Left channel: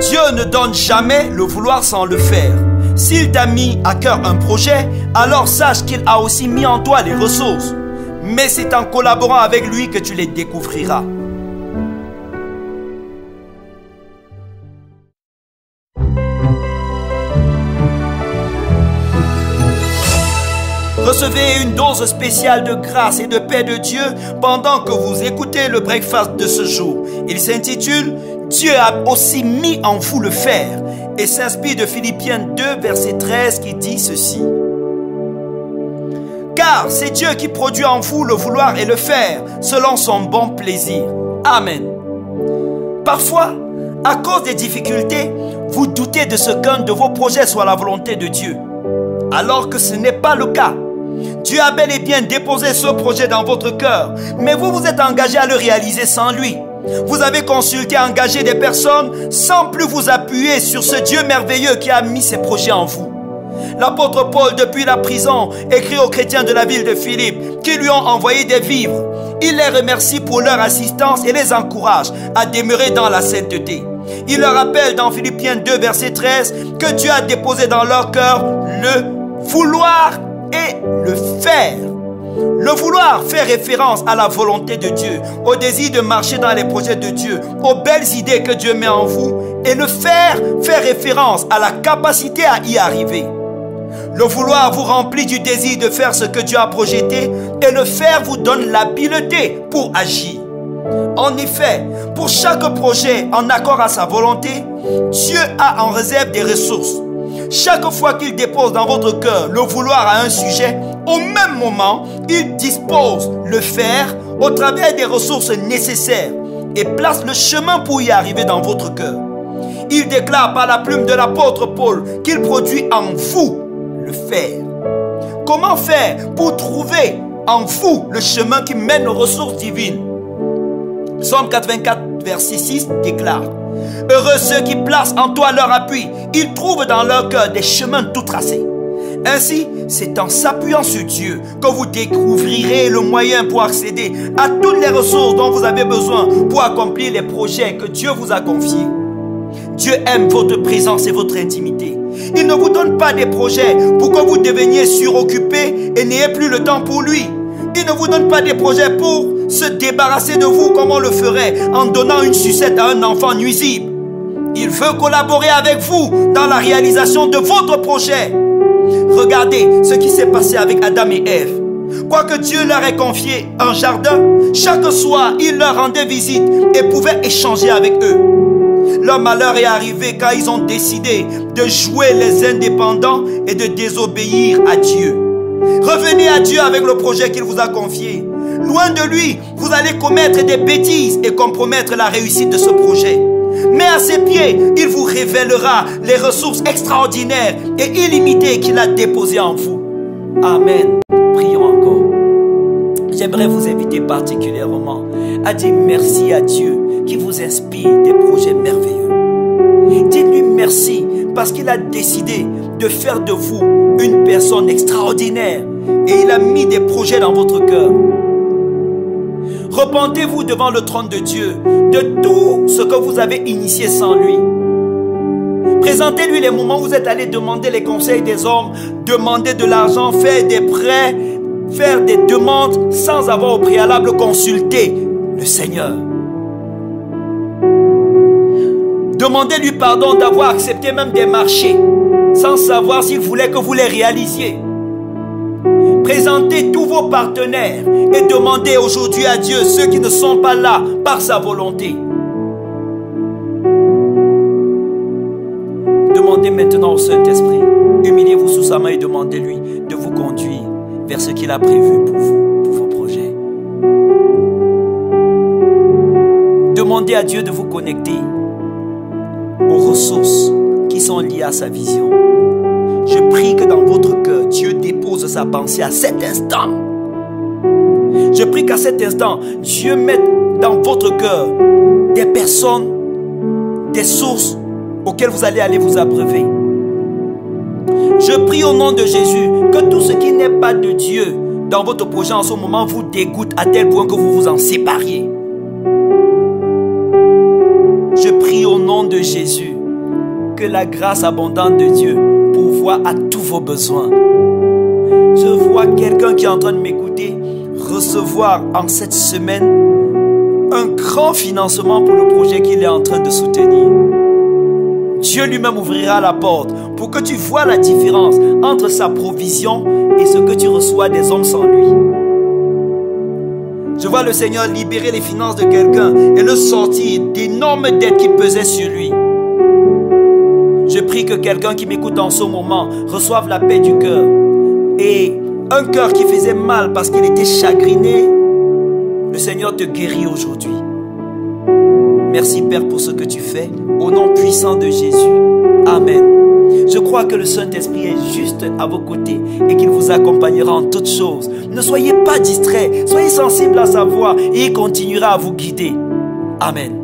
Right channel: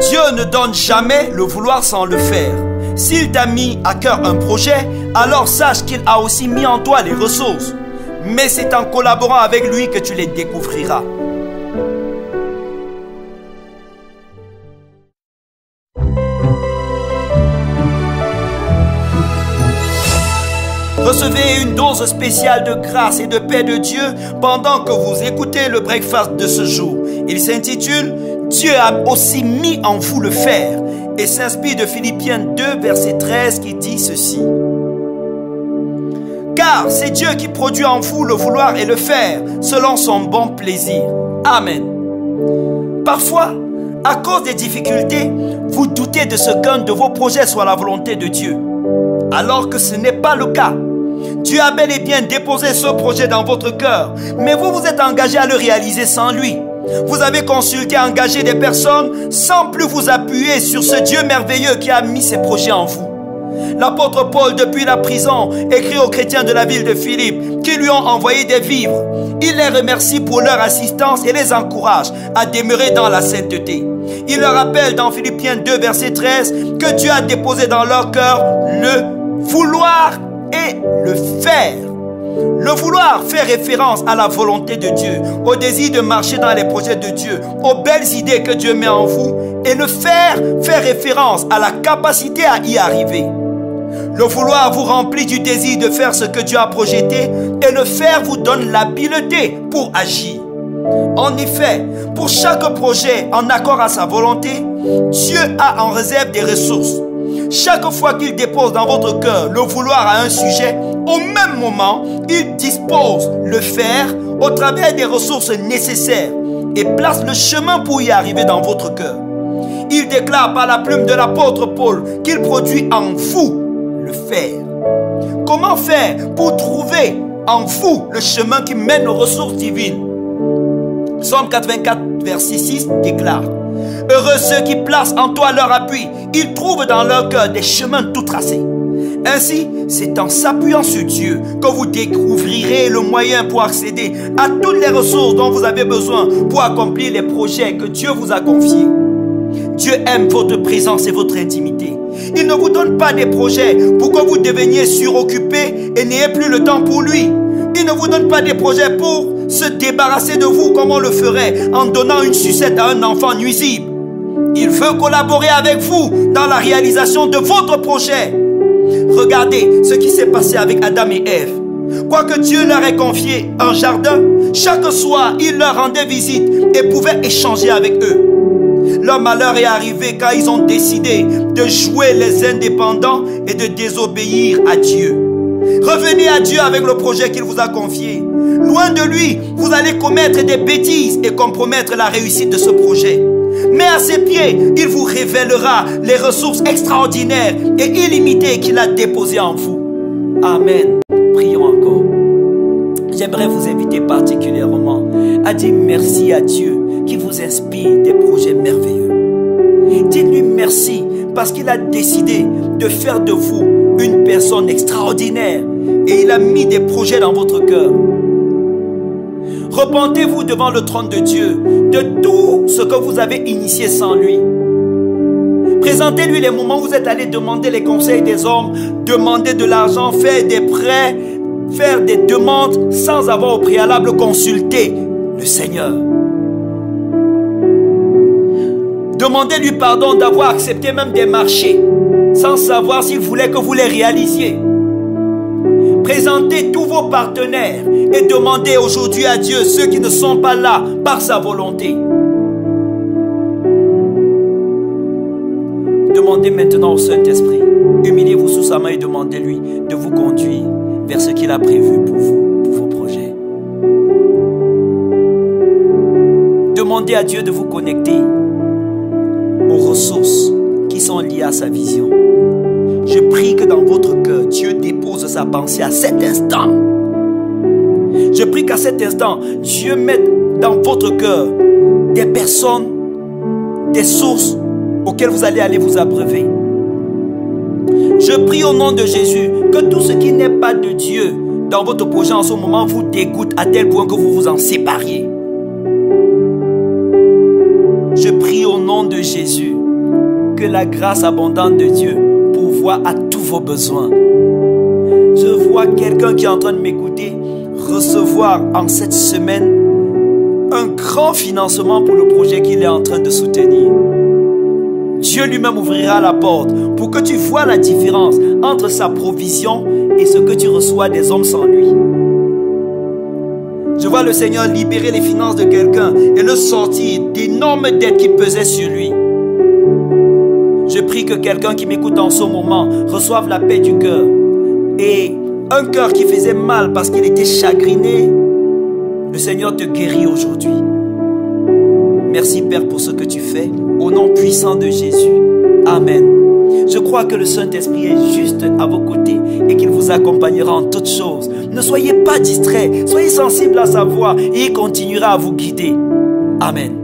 Dieu ne donne jamais le vouloir sans le faire. S'il t'a mis à cœur un projet, alors sache qu'il a aussi mis en toi les ressources. Mais c'est en collaborant avec lui que tu les découvriras. Recevez une dose spéciale de grâce et de paix de Dieu pendant que vous écoutez le breakfast de ce jour. Il s'intitule « Dieu a aussi mis en vous le faire » et s'inspire de Philippiens 2, verset 13 qui dit ceci. « Car c'est Dieu qui produit en vous le vouloir et le faire selon son bon plaisir. » Amen. Parfois, à cause des difficultés, vous doutez de ce qu'un de vos projets soit la volonté de Dieu, alors que ce n'est pas le cas. Dieu a bel et bien déposé ce projet dans votre cœur, mais vous vous êtes engagé à le réaliser sans lui. Vous avez consulté, engagé des personnes sans plus vous appuyer sur ce Dieu merveilleux qui a mis ses projets en vous. L'apôtre Paul, depuis la prison, écrit aux chrétiens de la ville de Philippe qui lui ont envoyé des vivres. Il les remercie pour leur assistance et les encourage à demeurer dans la sainteté. Il leur rappelle dans Philippiens 2, verset 13, que Dieu a déposé dans leur cœur le vouloir et le faire. Le vouloir fait référence à la volonté de Dieu, au désir de marcher dans les projets de Dieu, aux belles idées que Dieu met en vous. Et le faire fait référence à la capacité à y arriver. Le vouloir vous remplit du désir de faire ce que Dieu a projeté et le faire vous donne l'habileté pour agir. En effet, pour chaque projet en accord à sa volonté, Dieu a en réserve des ressources. Chaque fois qu'il dépose dans votre cœur le vouloir à un sujet, au même moment, il dispose le faire au travers des ressources nécessaires et place le chemin pour y arriver dans votre cœur. Il déclare par la plume de l'apôtre Paul qu'il produit en vous le faire. Comment faire pour trouver en vous le chemin qui mène aux ressources divines? Psaume 84, verset 6 déclare: heureux ceux qui placent en toi leur appui, ils trouvent dans leur cœur des chemins tout tracés. Ainsi, c'est en s'appuyant sur Dieu que vous découvrirez le moyen pour accéder à toutes les ressources dont vous avez besoin pour accomplir les projets que Dieu vous a confiés. Dieu aime votre présence et votre intimité. Il ne vous donne pas des projets pour que vous deveniez suroccupés et n'ayez plus le temps pour lui. Il ne vous donne pas des projets pour se débarrasser de vous comme on le ferait en donnant une sucette à un enfant nuisible. Il veut collaborer avec vous dans la réalisation de votre projet. Regardez ce qui s'est passé avec Adam et Ève. Quoique Dieu leur ait confié un jardin, chaque soir, il leur rendait visite et pouvait échanger avec eux. Leur malheur est arrivé quand ils ont décidé de jouer les indépendants et de désobéir à Dieu. Revenez à Dieu avec le projet qu'il vous a confié. Loin de lui, vous allez commettre des bêtises et compromettre la réussite de ce projet. Mais à ses pieds, il vous révélera les ressources extraordinaires et illimitées qu'il a déposées en vous. Amen. Prions encore. J'aimerais vous inviter particulièrement à dire merci à Dieu qui vous inspire des projets merveilleux. Dites-lui merci parce qu'il a décidé de faire de vous une personne extraordinaire et il a mis des projets dans votre cœur. Repentez-vous devant le trône de Dieu de tout ce que vous avez initié sans lui. Présentez-lui les moments où vous êtes allé demander les conseils des hommes, demander de l'argent, faire des prêts, faire des demandes sans avoir au préalable consulté le Seigneur. Demandez-lui pardon d'avoir accepté même des marchés sans savoir s'il voulait que vous les réalisiez. Présentez tous vos partenaires et demandez aujourd'hui à Dieu ceux qui ne sont pas là par sa volonté. Demandez maintenant au Saint-Esprit. Humiliez-vous sous sa main et demandez-lui de vous conduire vers ce qu'il a prévu pour vous, pour vos projets. Demandez à Dieu de vous connecter aux ressources qui sont liées à sa vision. Je prie que dans votre cœur, Dieu dépose sa pensée à cet instant. Je prie qu'à cet instant, Dieu mette dans votre cœur des personnes, des sources auxquelles vous allez aller vous abreuver. Je prie au nom de Jésus que tout ce qui n'est pas de Dieu dans votre projet en ce moment vous dégoûte à tel point que vous vous en sépariez. Je prie au nom de Jésus que la grâce abondante de Dieu pourvoie à tous vos besoins. Je vois quelqu'un qui est en train de m'écouter recevoir en cette semaine un grand financement pour le projet qu'il est en train de soutenir. Dieu lui-même ouvrira la porte pour que tu vois la différence entre sa provision et ce que tu reçois des hommes sans lui. Je vois le Seigneur libérer les finances de quelqu'un et le sortir d'énormes dettes qui pesaient sur lui. Je prie que quelqu'un qui m'écoute en ce moment reçoive la paix du cœur. Et un cœur qui faisait mal parce qu'il était chagriné, le Seigneur te guérit aujourd'hui. Merci Père pour ce que tu fais, au nom puissant de Jésus. Amen. Je crois que le Saint-Esprit est juste à vos côtés et qu'il vous accompagnera en toutes choses. Ne soyez pas distraits, soyez sensibles à sa voix et il continuera à vous guider. Amen.